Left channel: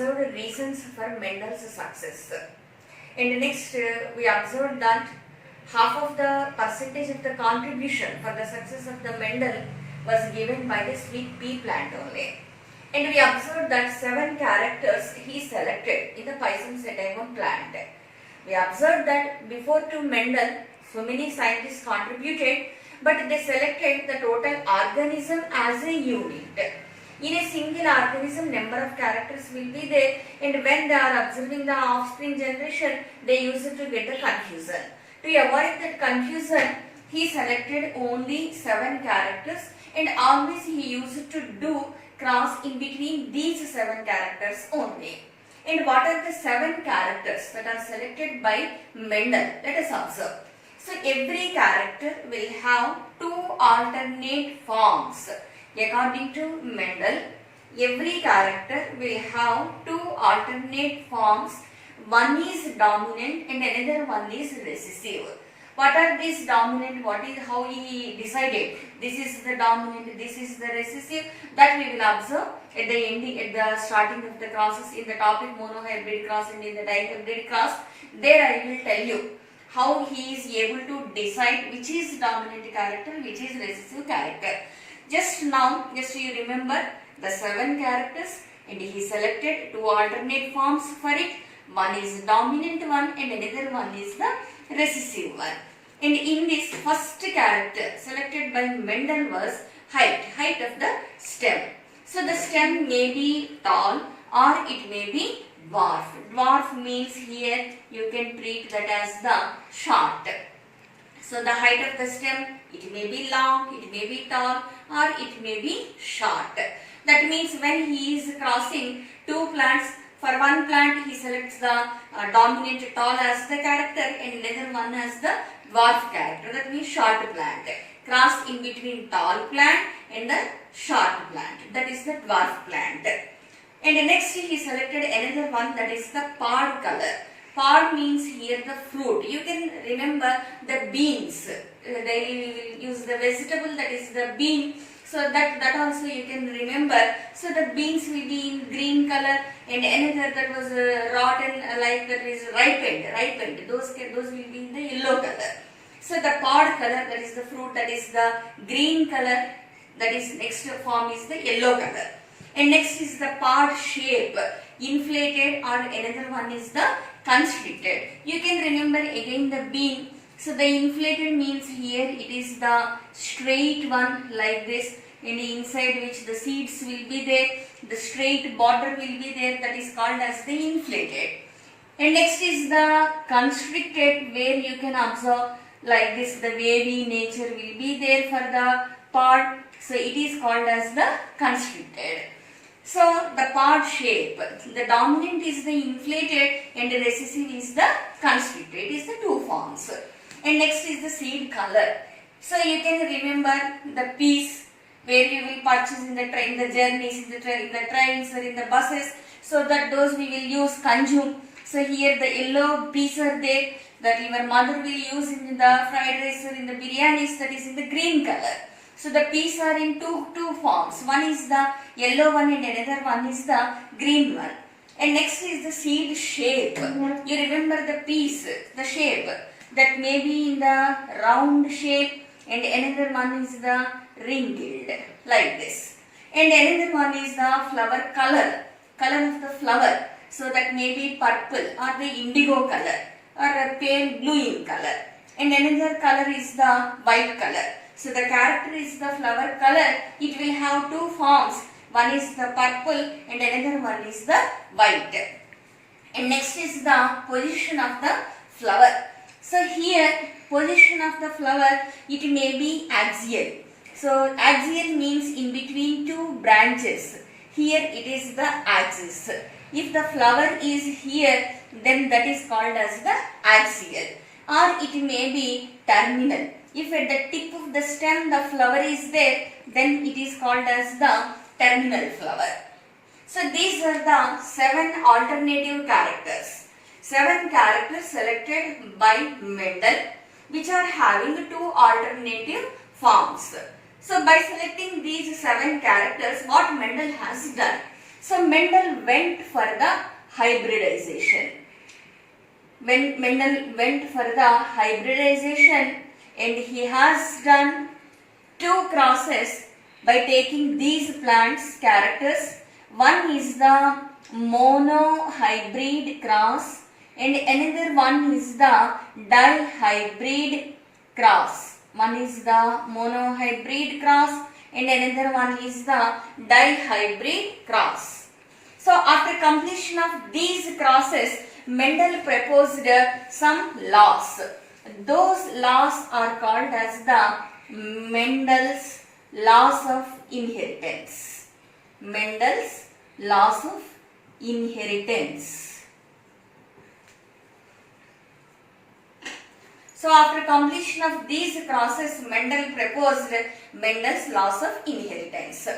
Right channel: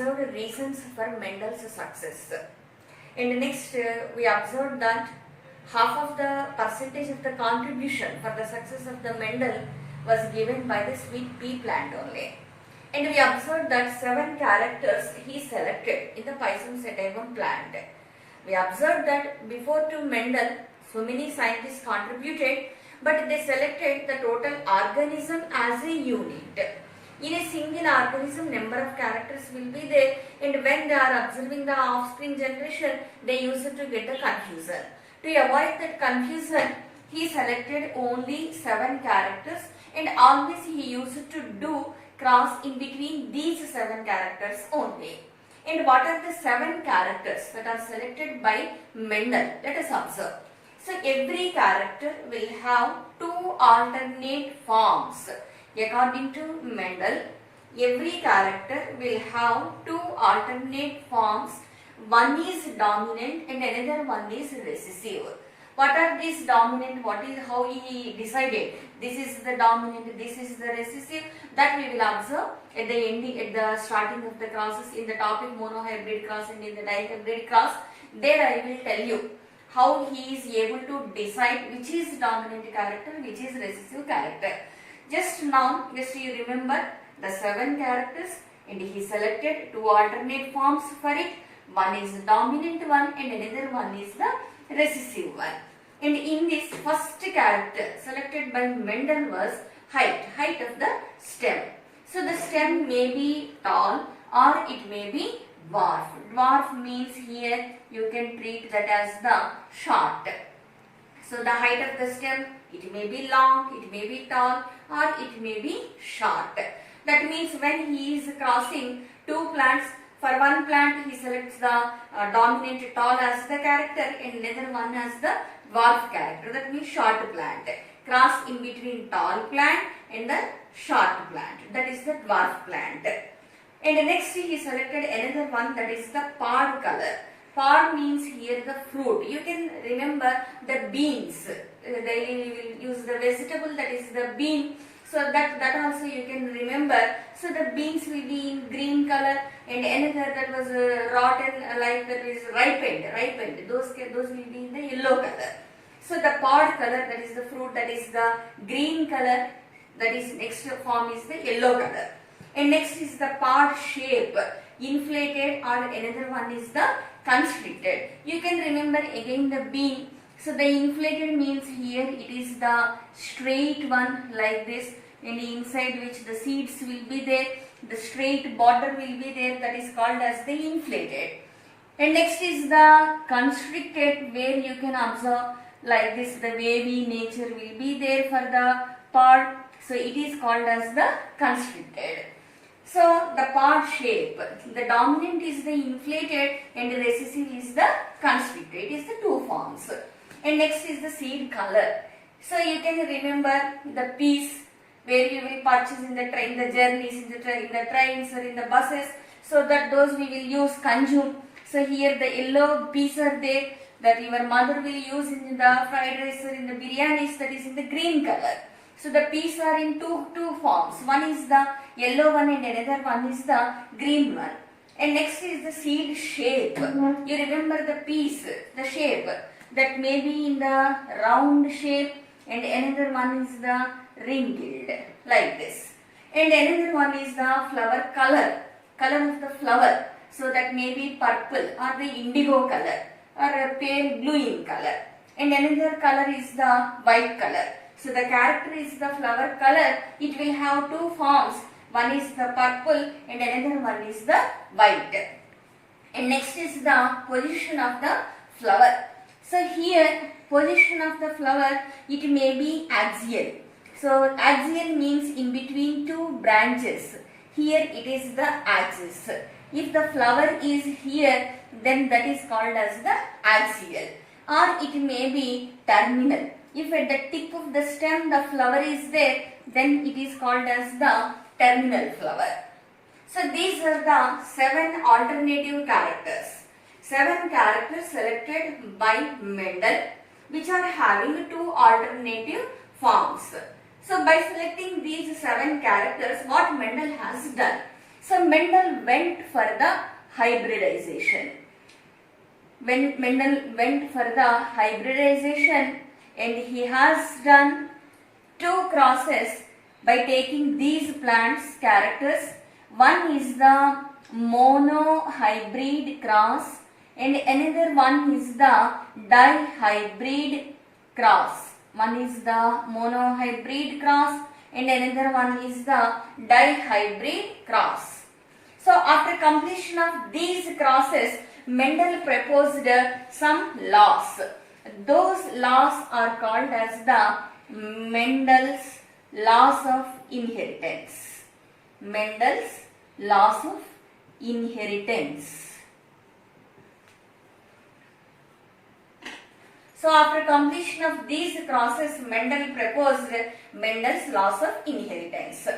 observed reasons for Mendel's success. And next we observed that half of the percentage of the contribution for the success of the Mendel was given by the sweet pea plant only. And we observed that 7 characters he selected in the Pisum sativum plant. We observed that before to Mendel, so many scientists contributed, but they selected the total organism as a unit. In a single organism, number of characters will be there, and when they are observing the offspring generation, they use it to get the confusion. To avoid that confusion, he selected only 7 characters, and always he used to do cross in between these 7 characters only. And what are the 7 characters that are selected by Mendel? Let us observe. So every character will have 2 alternate forms. According to Mendel, every character will have 2 alternate forms. One is dominant and another one is recessive. What are these dominant? What is how he decided? This is the dominant, this is the recessive. That we will observe at the ending, at the starting of the crosses in the topic monohybrid cross and in the dihybrid cross. There I will tell you how he is able to decide which is dominant character, which is recessive character. Just now, just you remember the 7 characters, and he selected 2 alternate forms for it. One is dominant one and another one is the recessive one. And in this first character selected by Mendel was height of the stem. So the stem may be tall or it may be dwarf. Dwarf means here you can treat that as the short. So the height of the stem, it may be long, it may be tall or it may be short. That means when he is crossing 2 plants, for one plant he selects the dominant tall as the character and another one as the dwarf character. That means short plant. Cross in between tall plant and the short plant. That is the dwarf plant. And next he selected another one, that is the pod color. Pod means here the fruit. You can remember the beans. Daily we will use the vegetable, that is the bean. So that also you can remember. So the beans will be in green color and another that was rotten, like that is ripened. Those will be in the yellow color. So the pod color, that is the fruit, that is the green color. That is next form is the yellow color. And next is the pod shape, inflated, or another one is the constricted. You can remember again the bean. So the inflated means here it is the straight one like this, and inside which the seeds will be there, the straight border will be there, that is called as the inflated. And next is the constricted, where you can observe like this, the wavy nature will be there for the pod. So it is called as the constricted. So the pod shape, the dominant is the inflated and the recessive is the constricted. It is the 2 forms. And next is the seed color. So you can remember the peas, where you will purchase in the train, the journeys, in the trains or in the buses. So that those we will use consume. So here the yellow peas are there, that your mother will use in the fried rice or in the biryanis, that is in the green color. So the peas are in two forms. One is the yellow one and another one is the green one. And next is the seed shape. You remember the peas, the shape, that may be in the round shape, and another one is the ringed like this. And another one is the flower color of the flower. So that may be purple or the indigo color or a pale blue in color. And another color is the white color. So the character is the flower color. It will have 2 forms. One is the purple and another one is the white. And next is the position of the flower. So here position of the flower, it may be axial. So axial means in between 2 branches. Here it is the axis. If the flower is here, then that is called as the axial. Or it may be terminal. If at the tip of the stem the flower is there, then it is called as the terminal flower. So these are the 7 alternative characters. 7 characters selected by Mendel, which are having 2 alternative forms. So by selecting these 7 characters, what Mendel has done? So Mendel went for the hybridization. When Mendel went for the hybridization, and he has done 2 crosses by taking these plants characters. One is the monohybrid cross and another one is the dihybrid cross. One is the monohybrid cross and another one is the dihybrid cross. So after completion of these crosses, Mendel proposed some laws. Those laws are called as the Mendel's laws of inheritance. Mendel's laws of inheritance. So after completion of these crosses, Mendel proposed Mendel's laws of inheritance.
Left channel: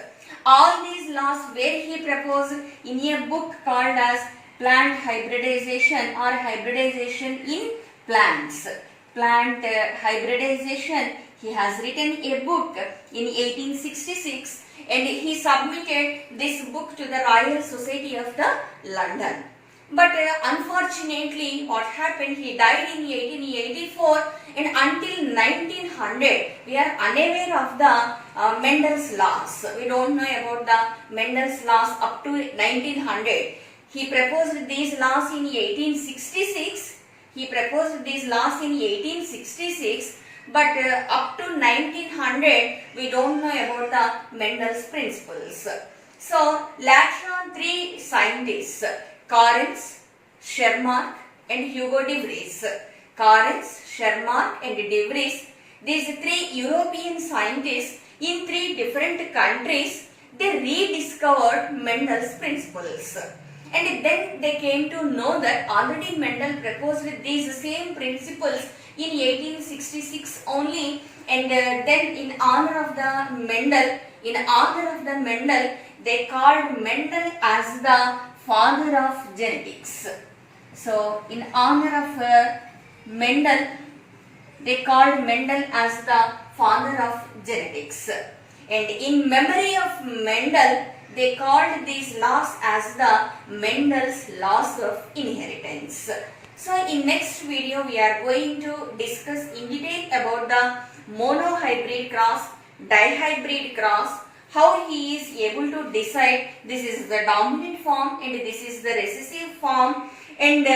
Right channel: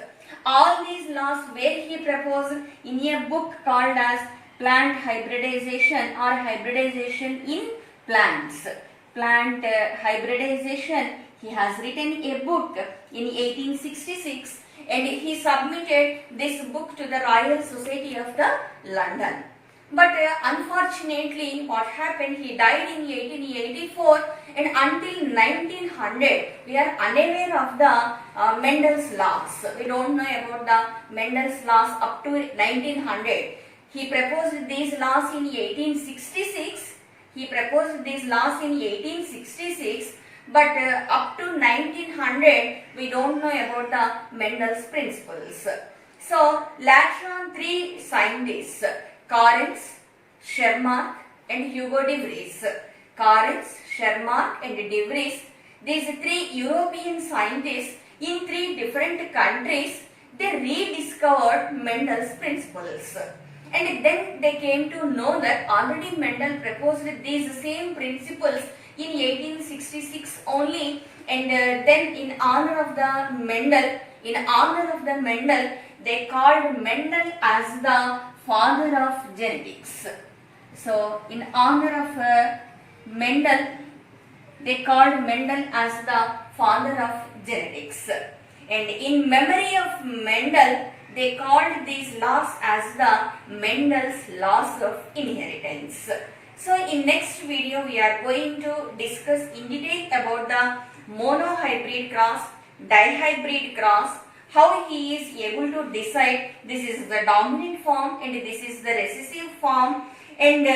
All these laws were he proposed in a book called as Plant Hybridization or Hybridization in Plants. Plant hybridization, he has written a book in 1866 and he submitted this book to the Royal Society of the London. But unfortunately what happened, he died in 1884 and until 1900 we are unaware of the Mendel's laws. We don't know about the Mendel's laws up to 1900. He proposed these laws in 1866. He proposed these laws in 1866, but up to 1900 we don't know about the Mendel's principles. So later on 3 scientists, Correns, Schermark and Hugo de Vries. Correns, Schermark and de Vries, these 3 European scientists in 3 different countries, they rediscovered Mendel's principles. And then they came to know that already Mendel proposed these same principles in 1866 only, and then in honor of the Mendel, they called Mendel as the father of genetics. So in honor of Mendel, they called Mendel as the father of genetics. And in memory of Mendel, they called these laws as the Mendel's laws of inheritance. So in next video we are going to discuss in detail about the monohybrid cross, dihybrid cross, how he is able to decide this is the dominant form and this is the recessive form, and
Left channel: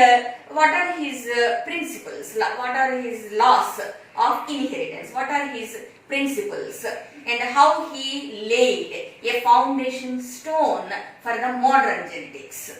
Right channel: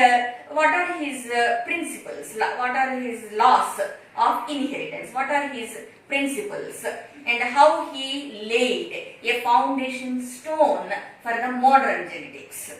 what are his principles, what are his laws of inheritance, what are his principles, and how he laid a foundation stone for the modern genetics.